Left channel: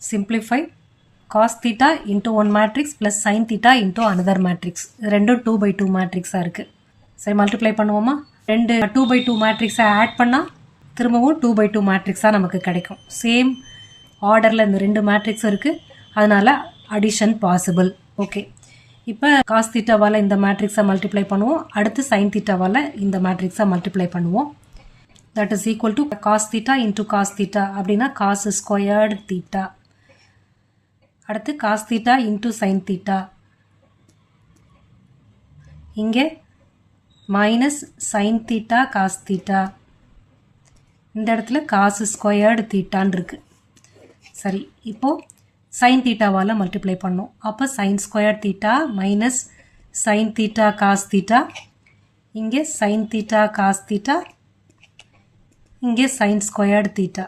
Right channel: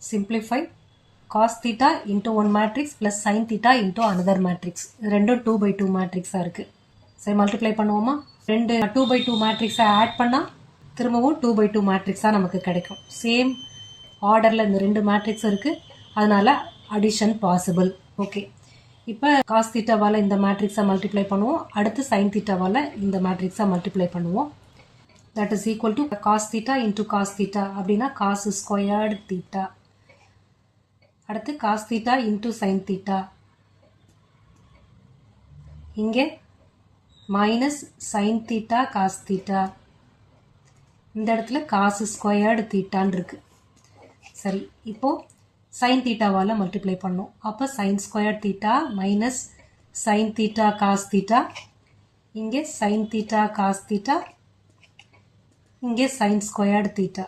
simplify cos theta into one matrix plus sin theta into another matrix. ரெண்டும் 2 by 2 matrix இருக்கு. சரி multiply பண்ணுவோமா? ரெண்டு 2 by 2 matrix ஆட் பண்ணா திரும்பவும் 2 by 2 matrix நமக்கு கிடைக்கும். சேம் ஆர்டர்ல இந்த ரெண்டு மேட்ரிக்ஸ் இருக்கு. அதனால அடிஷன் பாசிபிள். ஓகே. இப்போ cos thetaவால இந்த மேட்ரிக்ஸை மல்டிப்ளை பண்ணுவோம். அடுத்து sin thetaவால இந்த மேட்ரிக்ஸை மல்டிப்ளை பண்ணுவோம். That is equal to cos theta into cos theta அப்படின்னா cos squared theta. அடுத்து cos theta into sin theta. இங்கே minus sin theta cos theta. இந்த இடத்துல cos squared theta இருக்கு. சரி இப்போ sin theta வால மல்டிப்ளை பண்ணோம். அப்போ sin squared theta minus sin theta cos theta. இங்கே sin theta cos theta. இங்கே sin squared theta.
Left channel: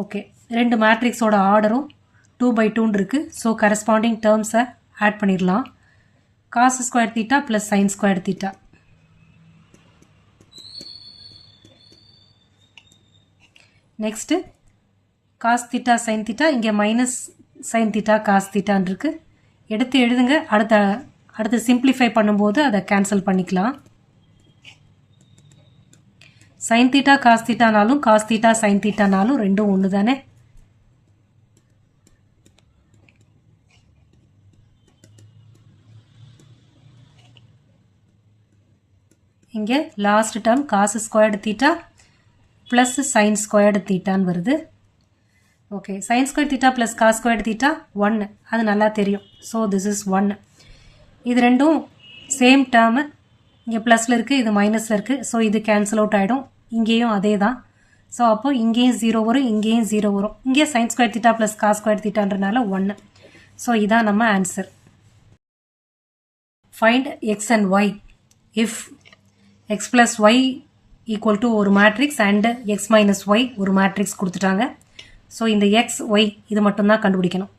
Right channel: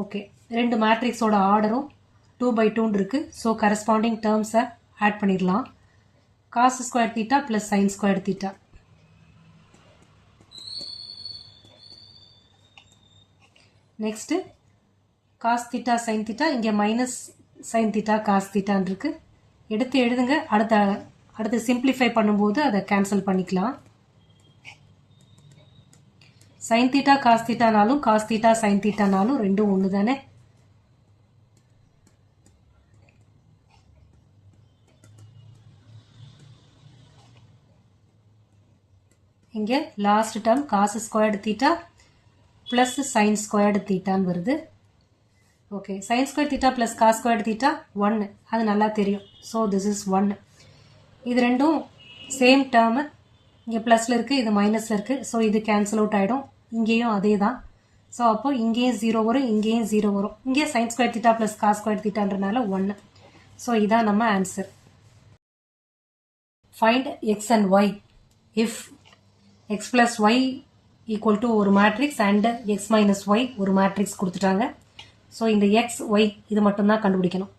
ஓகே. ரெண்டு மேட்ரிக்ஸோட ஆர்டரும் 2 by 2 இருக்கு. ஸோ கரஸ்பாண்டிங் டேர்ம்ஸை ஆட் பண்ணிடலாம். cos squared theta plus sin squared theta. Next cos theta sin theta இங்கே minus sin theta cos theta இருக்கு. எடுத்து எழுதுங்க. அடுத்து சிம்பிளிஃபை பண்ணும்போது அதை கேன்சல் பண்ணிக்கலாம். sin theta cos theta நாலும் cos theta sin theta நாலும் ரெண்டும் ஒன்று தானே. இங்கே last term cos squared theta plus sin squared theta வருது. Okay. sin squared theta plus cos squared theta 1. அது நல்லா தெரியும். So this is 1. இது ரெண்டும் சேம் டேர்மு. இங்கே ப்ளஸில் இருக்குது, இது மைனஸில் இருக்குது. ஸோ இது கேன்சல் அவுட் ஆகிடும். இங்கேயும் அதே தான். ஸோ அப்போ இங்கேயும் 0 வரும், இங்கேயும் 0 வரும். இங்கே sin squared theta plus cos squared thetaன்றனால 1. ஸோ இதான் நம்ம answer. Find x and y if x plus y equal to ஒரு matrix and x minus y ஒரு மேட்ரிக்ஸ் கொடுத்துட்டாங்க. ஸோ இந்த எக்ஸ் ஒய் இது மட்டும்தான் கண்டுபிடிக்கணும்.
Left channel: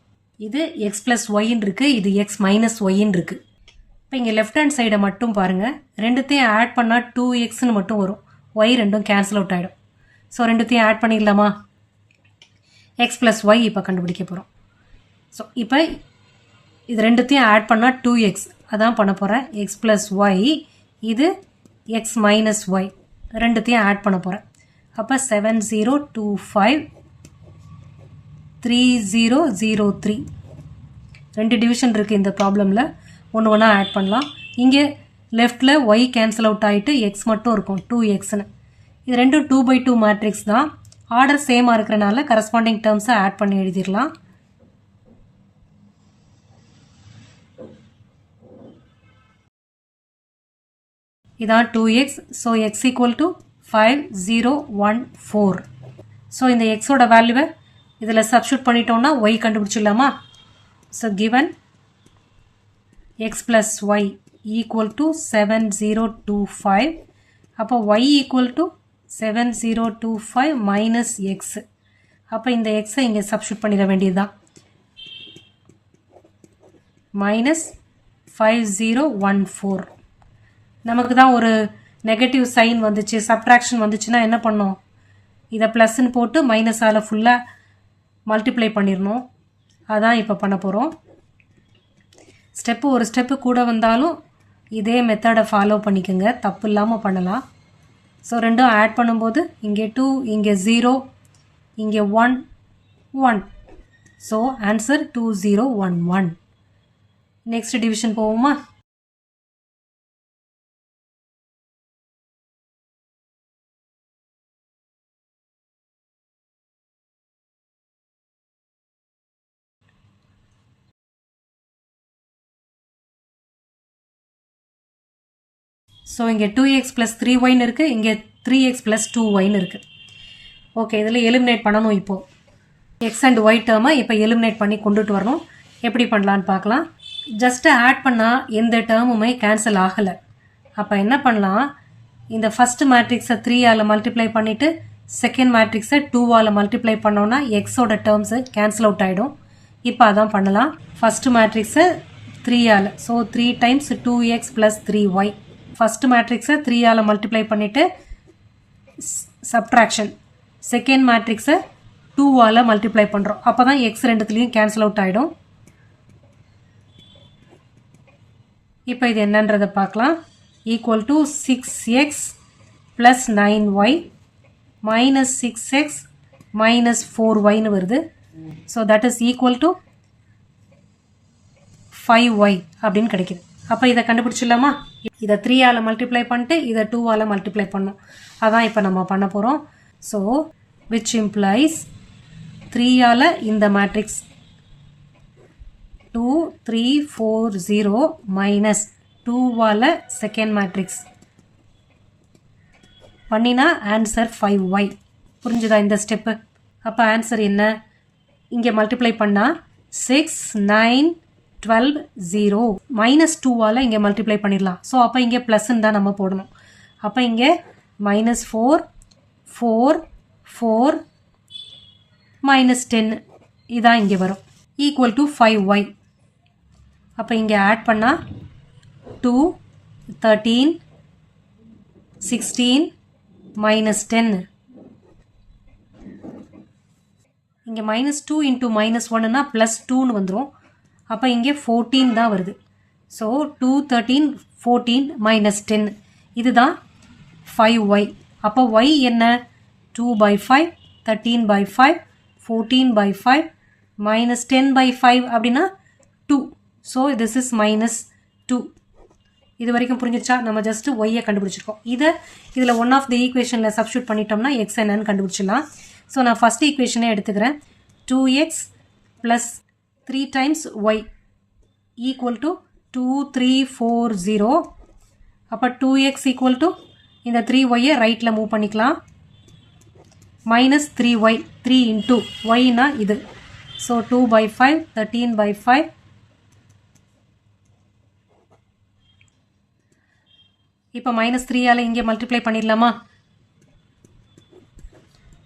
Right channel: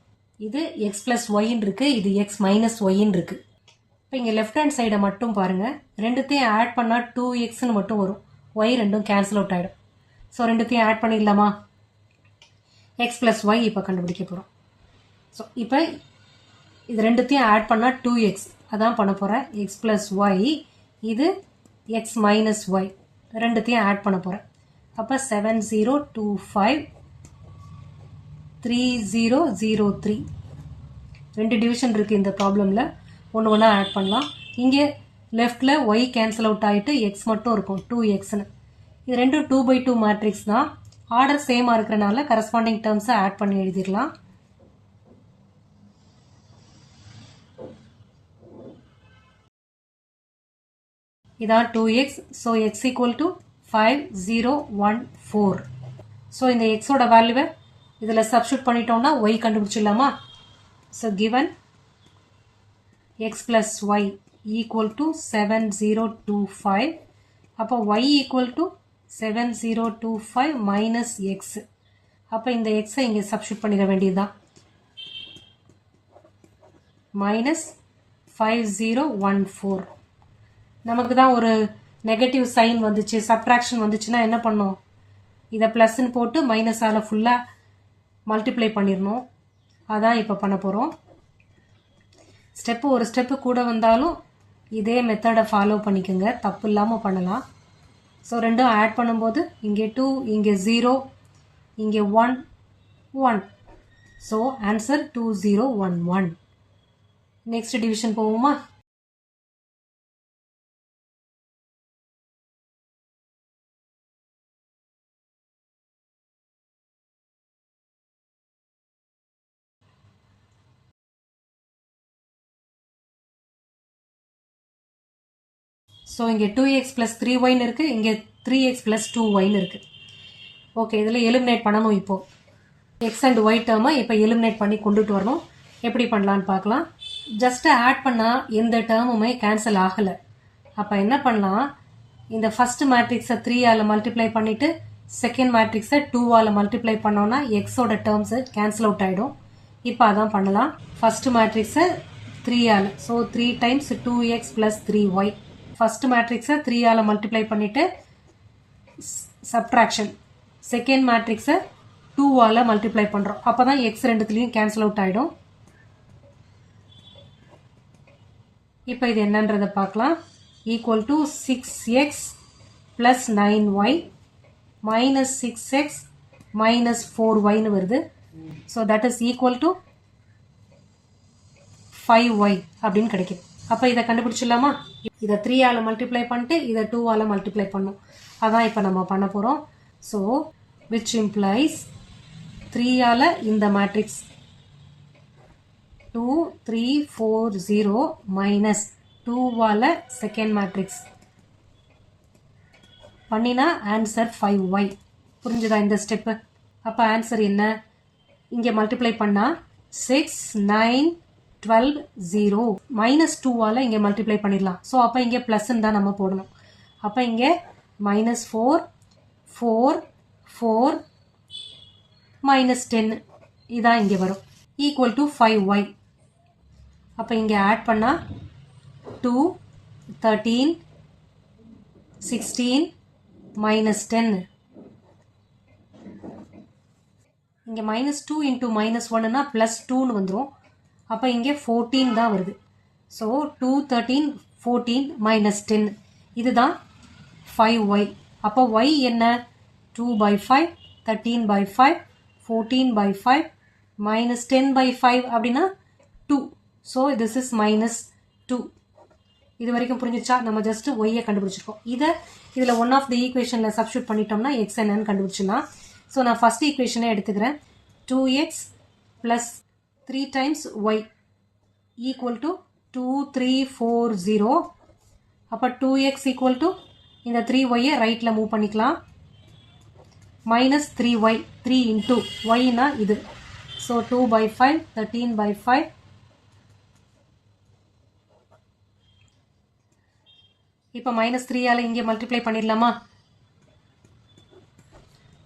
இது எக்ஸ் பிளஸ் ஒய்ன்னு இருக்குது, இது எக்ஸ் மைனஸ் ஒய்ன்னு இருக்குது. இப்போ இங்கே லெஃப்ட் ஹேண்ட் சைடை மட்டும் பாருங்கள். ரெண்டுத்தையும் ஆட் பண்ணால் 2xன்னு மட்டும் வரும். ஒய் ரெண்டும் கேன்சல் அவுட் ஆகிடும். ஸோ ரெண்டுத்தையும் ஆட் பண்ணிடலாமா? எக்ஸ் ப்ளஸ் ஒய் இப்போ கண்டுபிடிக்க போகிறோம். ஸோ இப்போ இது ரெண்டுத்தையும் ஆட் பண்ணால் 2x அதான் பண்ண போகிறேன். எக்ஸ் ப்ளஸ் ஒய் இது எக்ஸ் மைனஸ் ஒய் ரெண்டுத்தையும் ஆட் பண்ண போகிறேன். அப்போ 7025 3003 ரெண்டு டிவிஷன் இருக்குது இந்த ப்ராப்ளமில். ஒன்று ஒன்றா ஆட் பண்ணலாம். இங்கே லெஃப்டில் ஒய் கேன்சல் அவுட் ஆகிட்டு எக்ஸ் மட்டும் இருக்கும் 2xன்னு. இது ரெண்டும் 2 by 2 மேட்ரிக்ஸ் தான். ஆர்டர் சேமாக இருக்கிறனால கரஸ்பாண்டிங் டேர்ம்ஸை ஆட் பண்ணி எழுதிடலாம். இதான் 2x. So x equal to 5014. So இந்த எக்ஸோட வேல்யூவை இதில் சப்ஸ்டியூட் பண்ணிட்டோம்னா ஒய் கண்டுபிடிச்சிடலாமா? So given x plus y equal to 7025. அப்போ y equal to 7025 minus x. அப்போ இந்த x இங்கே சப்ஸ்டியூட் பண்ணிட வேண்டியதுதான். minus 5014. நமக்கு தான் ஒரு நெகட்டிவ் சைன் வந்துச்சு, சப்ட்ராக்ஷன் வந்துச்சுன்னா என்ன பண்ணோம்? இதை ப்ளஸ்ன்னு போட்டு மைனஸால் ஃபுல்லாக மல்டிப்ளை பண்ணிடணும். அதான் இப்போ பண்ண போகிறோம். ஸ்டெப்பு ஒரு ஸ்டெப்பு கூட வந்தாலும் இதே மெத்தடை ஃபாலோ பண்ணிக்கோங்க, தப்பு இல்லாமல் பண்ணலாம். ஸோ ரெண்டும் ஆட் பண்ணும்போது இங்கே 2, இங்கே 0, இங்கே 1, 1. So answer 2011. நெக்ஸ்ட் டிவிஷன் போவோமா? ஸோ இங்கே 2x plus 3y இருக்குது, இங்கே 3x plus 2y இருக்குது. ஓகே. இதில் எலிமினேட் பண்ணணும். இப்போது எக்ஸ் அண்ட் ஒய் டேர்மை இப்போ எலிமினேட் பண்ணி கொண்டுட்டு வரணும். எப்படி பண்ணலான்னு பார்க்கலாம். ஜஸ்ட்டு ஆட் பண்ணால் எந்த டேர்முமே கேன்சல் ஆகலை. அப்போ என்ன பண்ணலாம்? இந்த ஃபஸ்ட் மேட்ரிக்ஸை 3ஆல் மல்டிப்ளை பண்ணிவிட்டு செகண்ட் மேட்ரிக்ஸை 2ஆல் மல்டிப்ளை பண்ணோன்னா எக்ஸோட டேர்ம்ஸு கேன்சல் அவுட் ஆகிடும். இப்போ அதான் பண்ணலாம். ஃபஸ்ட்டு மேட்ரிக்ஸை 3ஆல், so 3 times 2x plus 3y. First மேட்ரிக்ஸை 3ஆல் மல்டிப்ளை பண்ணிவிட்டு சப்ட்ராக்ஷன். செகண்ட் மேட்ரிக்ஸை 2ஆல் மல்டிப்ளை பண்ணுறோம். அப்போ தான் எக்ஸ் ரெண்டுத்துலேயும் கேன்சல் அவுட் ஆகிடும். இப்போ இது என்னன்றதை பார்க்கலாம். Equal to 6x plus 9y minus 6x minus 4yன்னு வருது. So that is equal to 5y அப்படின்னு கிடைக்குது. அப்போ இதை கண்டுபிடிச்சிடலாமா? இதை 3ஆல் மல்டிப்ளை பண்ணிட்டு இதை 2ஆல் மல்டிப்ளை பண்ணோம். அதான் இப்போ நம்ம பண்ண போகிறோம். ஸோ விச் இம்ப்ளைஸ் 3ஆல் இந்த மேட்ரிக்ஸ் 2 3 4 0 மைனஸ் 2ஆல் செகண்ட் மேட்ரிக்ஸ் பண்ணினா ஆன்சர் 5y. புரிஞ்சுதா இந்த ஸ்டெப்பு? அப்போ ஆன்சர் என்ன? இங்கே மல்டிப்ளை பண்ணால் 6 9 12 0 மைனஸ் 2ஆல் இங்கே மல்டிப்ளை பண்ணிடலாம். ஸோ அப்போ இங்கே ப்ளஸ்ன்னு தான் நம்ம போடணும். அப்போ இங்கே மைனஸ் 4 4 4 மைனஸ் 10 இதான் இங்கே வரும். Equal to 5y. அப்போ இங்கே ஆட் பண்ணால் 2 13 16 மைனஸ் 10. இங்கே மைனஸ் 2 இன்ட்டு மைனஸ் 1னா ப்ளஸ் 2ன்னு வந்துடும். அப்போ இங்கே 14 தான் வருது. ஸோ 2 13 14 மைனஸ் 10 இதுதான் 5y. அப்போ y என்ன? 2/5 13/5 14/5 மைனஸ் 10/5 அப்படின்னா 2. So this is minus 2. இது வரைக்கும் புரிஞ்சிச்சா? நம்ம ஜஸ்ட் ஒய்யை கண்டுபிடிச்சிருக்கோம். இதில் ஒன் ஆஃப் த ஈக்குவேஷனில் சப்ஸ்டியூட் பண்ணிட்டோம்னா எக்ஸ் என்னன்னு கண்டுபிடிச்சிடலாம். ஸோ நான் ஃபஸ்ட் ஈக்குவேஷனே எடுத்துக்கிறேன். 2x plus 3 times y equal to 2 3 4 0. அப்போ 2x equal to இந்த 3y ரைட்டில் மூவ் பண்ணிக்கலாம். மைனஸ் 3y 3 into yனா இது. ஸோ 2/5 13/5 இப்போ மைனஸ் 3ஆல் இங்கே மல்டிப்ளை பண்ணிடலாமா?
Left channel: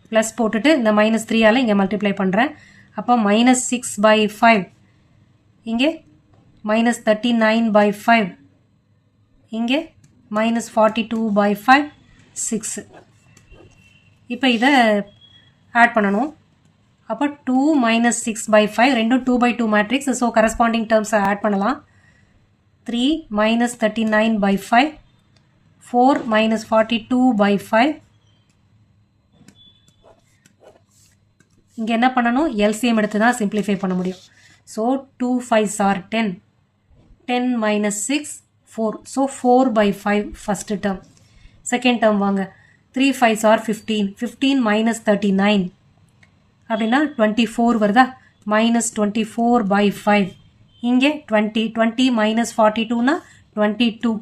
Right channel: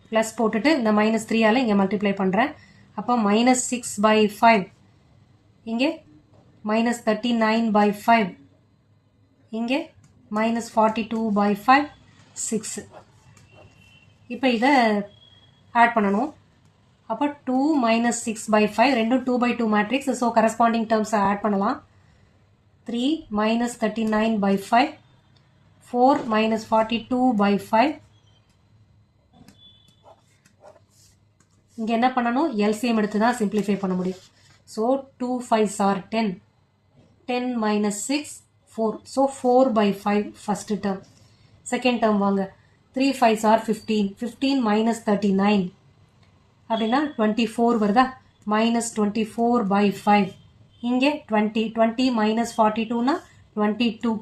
ப்ளஸ் போட்டுட்டு இந்த மைனஸ் 3ஆல் இங்கே மல்டிப்ளை பண்ணுறேன். அப்போ மைனஸ் 6/5 இங்கே மைனஸ் 39/5 இங்கே மைனஸ் 42/5 6. இப்போ இதை ஆட் பண்ணணும். அப்போ 2 மைனஸ் 6/5 ரெண்டும் 2/2 மேட்ரிக்ஸ். ஸோ கரஸ்பாண்டிங் டேர்ம்ஸை ஆட் பண்ணலாம். 3 மைனஸ் 39/5 4 மைனஸ் 42/5. இங்கே என்ன பண்ணணும்? எல்சிஎம் எடுத்து தான் சிம்பிளிஃபை பண்ண முடியும். So 2 5s are 10 10 minus 6 4. So 4/5 first term. Second term வாங்க. 3 5s are 15 15 மைனஸ் 39 அப்படின்னா 24 வருதா? மைனஸ் 24/5 இங்கே 20 20 மைனஸ் 42னா 22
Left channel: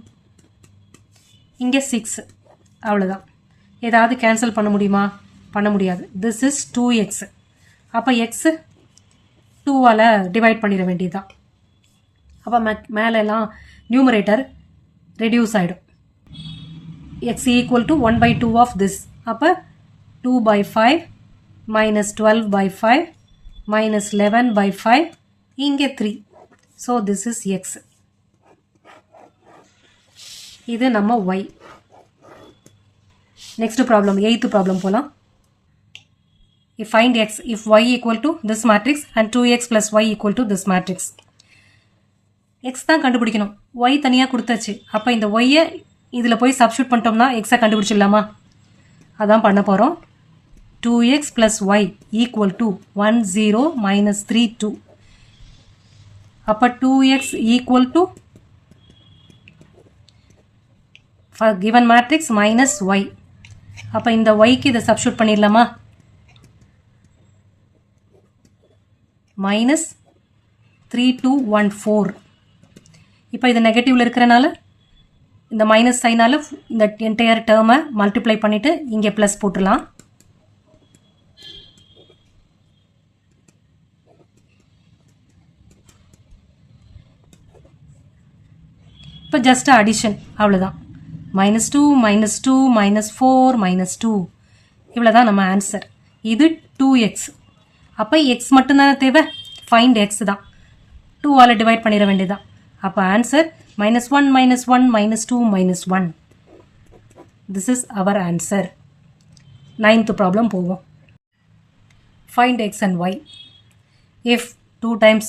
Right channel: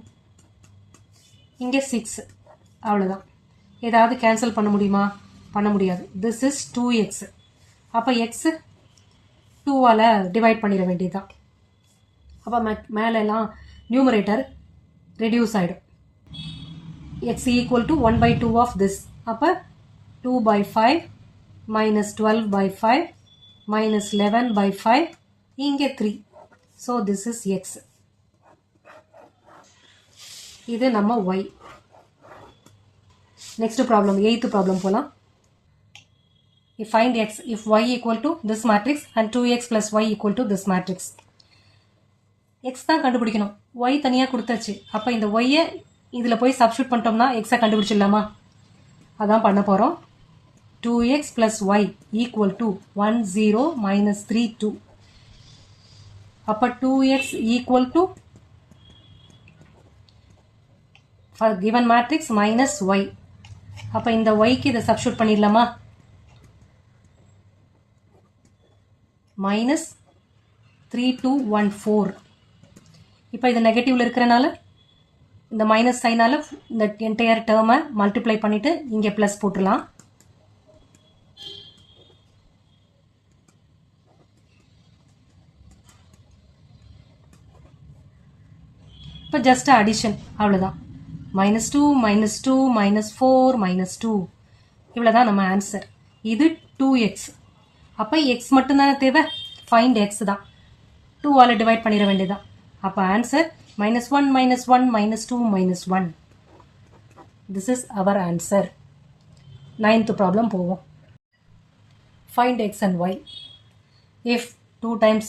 இங்கே 6. அவ்வளோதான். ஏதாவது கேன்சல் பண்ண முடியுமா? பண்ண முடியாது. This is 2x. அப்போ எக்ஸு 2ஆல் டிவைட் பண்ணிட வேண்டியதுதான். அப்போ மேலெல்லாம் நியூமரேட்டர் ரெடியூஸ் ஆகிடும். X equal to 1/2 of this. அப்போ 2/5 மைனஸ் 12/5 மைனஸ் 11/5 இங்கே 3. So this is x. இது நம்ம y. Next problem 8th problem போகலாம். Find x if y equal to this matrix and 2x plus y equal to this matrix. x தான் கண்டுபிடிக்கணும். y தனியாக கொடுத்தாச்சு. அப்போ இந்த y-ஐ இதில் போய் சப்ஸ்டியூட் பண்ணிட்டோம்னா x-ஐ கண்டுபிடிச்சிடலாமா? அதான் பண்ண போகிறோம். 2x plus y equal to 1 0 minus 3 2. அப்போ 2x equal to given matrix minus y. அப்போ இந்த y-க்கு இதை சப்ஸ்டியூட் பண்ணிடலாமா? மைனஸ் 3 2 1 4. இப்போ இது நெகட்டிவ்ல இருக்கிறனால இந்த மைனஸ் சைனால் இந்த என்டையர் டேர்மை மல்டிப்ளை பண்ணிவிட்டு இங்கே ப்ளஸ் போட்டுடலாம். இப்போ ஜஸ்ட் அடிஷன் அவ்வளோதான். -2 -2 -4 -2 இவ்வளோதான் நம்ம ஆன்சர். இது 2x. அப்போ x மட்டும்தானே தேவை? ஃபைண்ட் எக்ஸ் தான். 2ஆல் டிவைட் பண்ணிட வேண்டியதான். அப்போ answer -1 -1 -2 -1. This is our answer. 9th problem போவோம். find x and y. If 2 times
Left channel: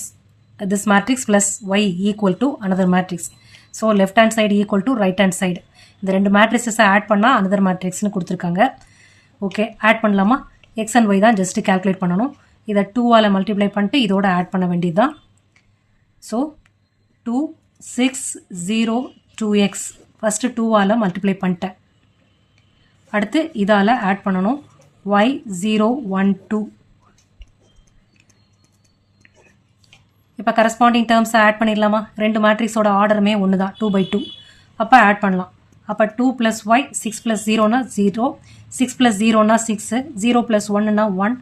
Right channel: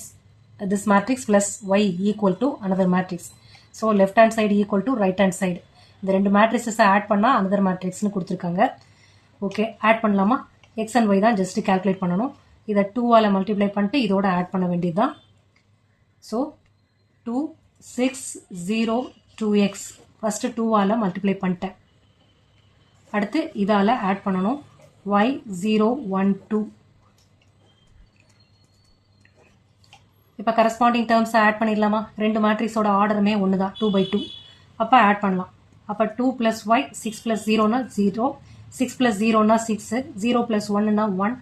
this matrix plus y equal to another matrix. So left hand side equal to right hand side. இந்த ரெண்டு matrices add பண்ணா another matrix னு கொடுத்திருக்காங்க. Okay, add பண்ணலாமா? x and y தான் just calculate பண்ணணும். இதை 2 ஆல மல்டிப்ளை பண்ணிட்டு இதோட ஆட் பண்ண வேண்டியதுதான். ஸோ 2 6 0 2x ஃபர்ஸ்ட் 2 ஆல மல்டிப்ளை பண்ணிட்டேன். அடுத்து இதால ஆட் பண்ணணும். y 0 1 2. இப்போ கரஸ்பாண்டிங் டேர்ம்ஸை ஆட் பண்ணிடலாமா? ரெண்டு மேட்ரிக்ஸோட ஆர்டருமே ஒன்று தான், 2/2. அப்போ ஆட் பண்ணலாம். அப்போ 2 + y 6 + 0னா 0, 6 + 0னா 6, 0 + 1னா 1,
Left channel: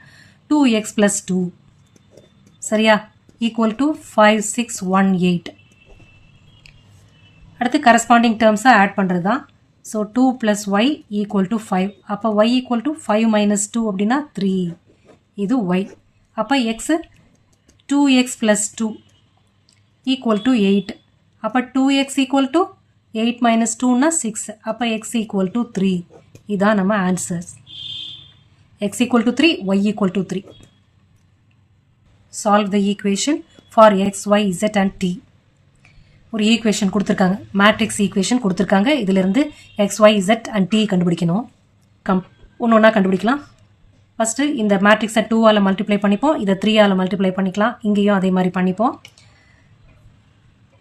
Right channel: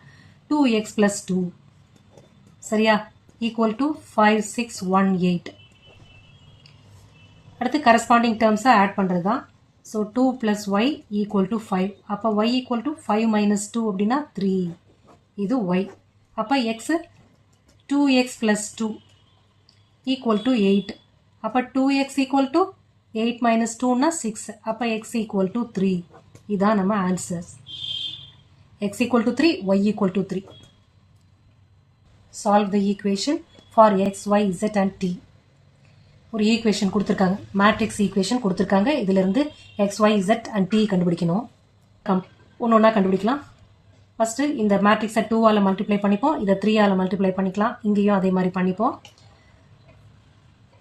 2x + 2 சரியா ஈக்குவல் டு 5 6 1 8. அடுத்து கரஸ்பாண்டிங் டேர்ம்ஸை ஆட் பண்ணுறது தான். So 2 + y = 5. அப்போ y = 5 - 2 அப்படின்னா 3. இது y. அப்போ x 2x + 2 = 8. அப்போ 2x = 8 - 2 னா 6. அப்போ x = 3. இதான் நம்ம answers. x = 3, y = 3. Solve the equation for x, y, z and t. ஒரு ஈக்குவேஷன் கொடுத்துருக்காங்க, மேட்ரிக்ஸ் ஈக்குவேஷன் கொடுத்துருக்காங்க. இதிலிருந்து x, y, z and t கண்டுபிடிக்கணும். ஒன்று ஒன்றா கண்டுபிடிக்கலாம். ஃபஸ்ட்டு இந்த மேட்ரிக்ஸை 2 ஆல் மல்டிப்ளை பண்ணிப்போம், இதை 3 ஆல் மல்டிப்ளை பண்ணிக்கலாம். இங்கேயும் அதே மாதிரி பண்ணிப்போம்.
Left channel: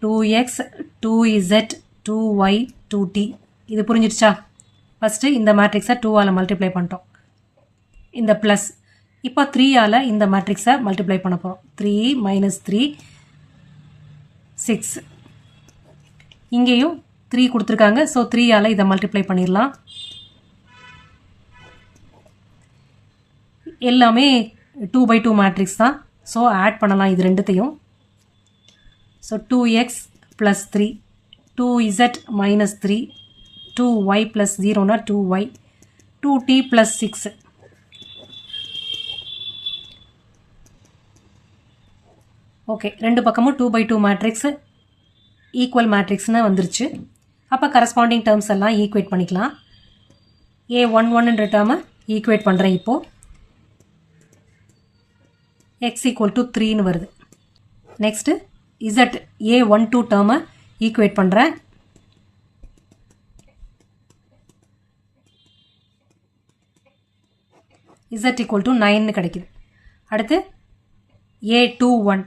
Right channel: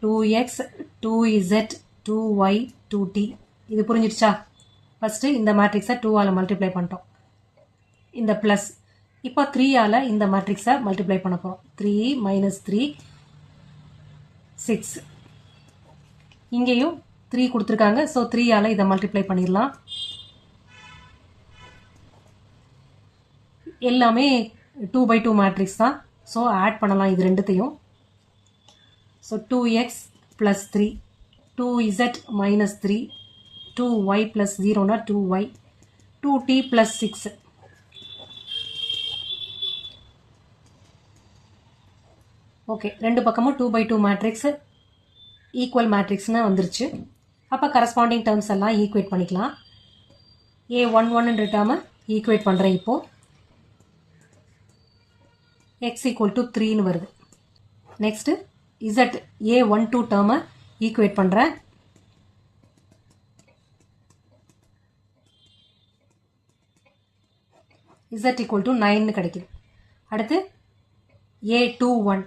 2x 2z 2y 2t. இது புரிஞ்சிடுச்சா? ஃபஸ்ட்டு இந்த மேட்ரிக்ஸை 2 ஆல் மல்டிப்ளை பண்ணிட்டோம், இந்த ப்ளஸ். இப்போ 3 ஆல் இந்த மேட்ரிக்ஸை மல்டிப்ளை பண்ண போகிறோம். 3 - 3 6. இங்கேயும் 3 கொடுத்துருக்காங்க. ஸோ 3 ஆல் இதை மல்டிப்ளை பண்ணிடலாம். எல்லாமே 2/2 மேட்ரிக்ஸ் தான். ஸோ ஆட் பண்ணலாம் இது ரெண்டுத்தையும். So 2x + 3, 2z - 3, 2y + 0னா 2y, 2t + 6. Okay, ரெண்டு பக்கமும் 2/2 மேட்ரிக்ஸ் ஈக்குவல் மேட்ரிக்ஸ்னு வந்துருச்சு. அப்போ கரஸ்பாண்டிங் டேர்ம்ஸ் எல்லாம் ஈக்குவேட் பண்ணிக்கலாம். a11ன்ற டேர்மை ஈக்குவேட் பண்ணுறேன். இப்போது x = 3ன்னு வருது. நெக்ஸ்ட்டு z a12 டேர்மை ஈக்குவேட் பண்ணுறேன். z = 9ன்னு கிடைக்குது. அடுத்து a21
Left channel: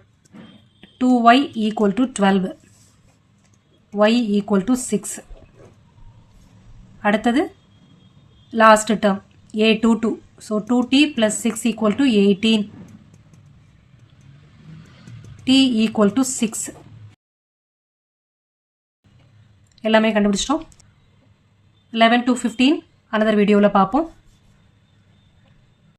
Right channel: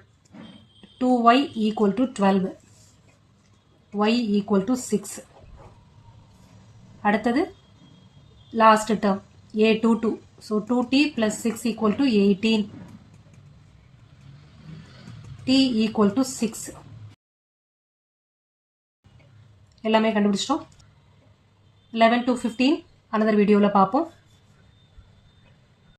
2y = 12, y = 6. அடுத்தது last term a22. So 2t + 6 = 18, t = 6. எல்லாமே கண்டுபிடிச்சிட்டோம். 11 to 15 another வீடியோவில் பார்ப்போம்.